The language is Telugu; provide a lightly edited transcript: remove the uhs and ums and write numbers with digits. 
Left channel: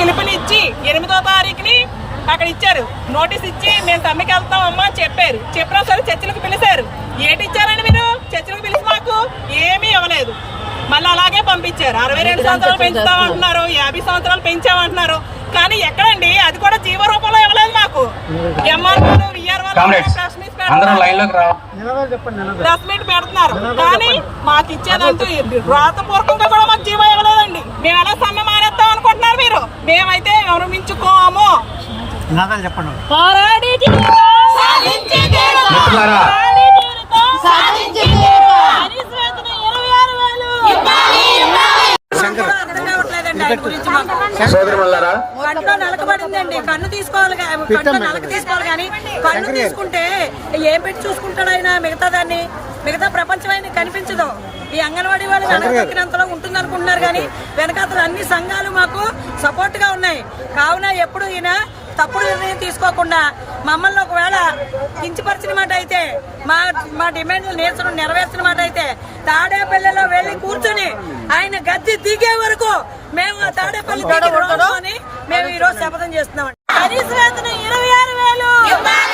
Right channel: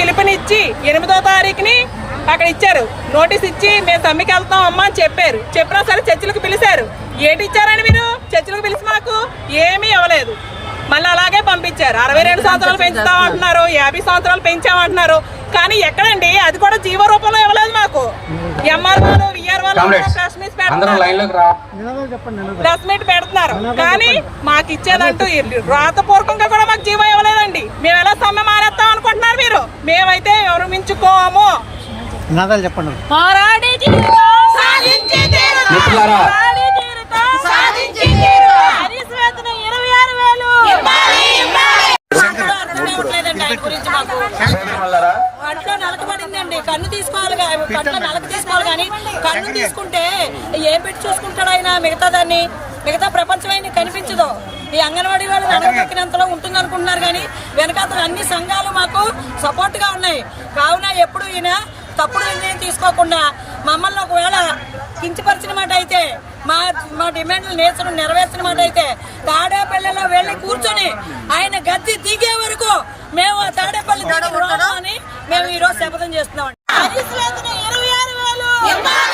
పిలుపునిచ్చి 8వ తారీఖుని అక్కడ ఇచ్చారు, నోటీస్ ఇచ్చి మేము సమ్మెకి వెళ్తాం అమ్మా అని చెప్పారు. చెప్పినా సరే చర్చలకు పిలిచారు. ఏంటి ఇచ్చారని మీరు చర్చలకు పిలిచి మాకు ఏమీ ఇవ్వలేదు. మళ్ళీ అలాగే పంపించారు. 62 సంవత్సరాలు పెంచుతామంటున్నారు, 50 సంవత్సరాలు పెంచామంటున్నారు. కానీ ఎక్కడండి, అది కూడా జీవో రూపంలో ఇవ్వలేదు మాకు. ఎంఆర్ఓలు ప్రెస్ మీట్ పెడుతున్నారు కానీ మాకు ఇచ్చేదంటూ రాతపూర్వకంగా కూడా మాకు జీవో ఇవ్వలేదండి. మేము ఎలా సమ్మె మానేస్తాం అనుకుంటున్నారు మీరు? మేమైతే ఎవరు మించుకోము. పోరాడి అర్థం కావట్లేదండి ఆయన గురించి. మాకు కంట్లో నలకబడిందండి. కన్ను తీసుకోవాలి, కంట్లో నలక తీసుకోవాలి కానీ కన్ను తీసుకుంటే ఏం పెట్టి చూసుకుంటాడు ఆయన? మిగతా ప్రపంచం ఆయన కనిపించదు. ఈ అంగన్వాడీ వాళ్ళు నలగదొక్కినంతలో ఉంటుంది అనుకుంటున్నారు కానీ వెనకాతలు అన్ని సంఘాలు మాకు సపోర్ట్ గా ఉన్నాయి. కావున ఎప్పుడు ఈయన తప్పుడు నిర్ణయం తీసుకోకుండా మమ్మల్ని ఒకవేళ కించపరిచిన మాట అయితే, మా డిమాండ్లు నెరవేర్చిన మాట అయితే తాడేపల్లిలో వెళ్ళి కూర్చొని ఆయన గద్దె దిగే వరకు మేము తాడేపల్లి దిగి రాను అని మేము ఈ రోజు శపథం చేస్తున్నాం. 26,000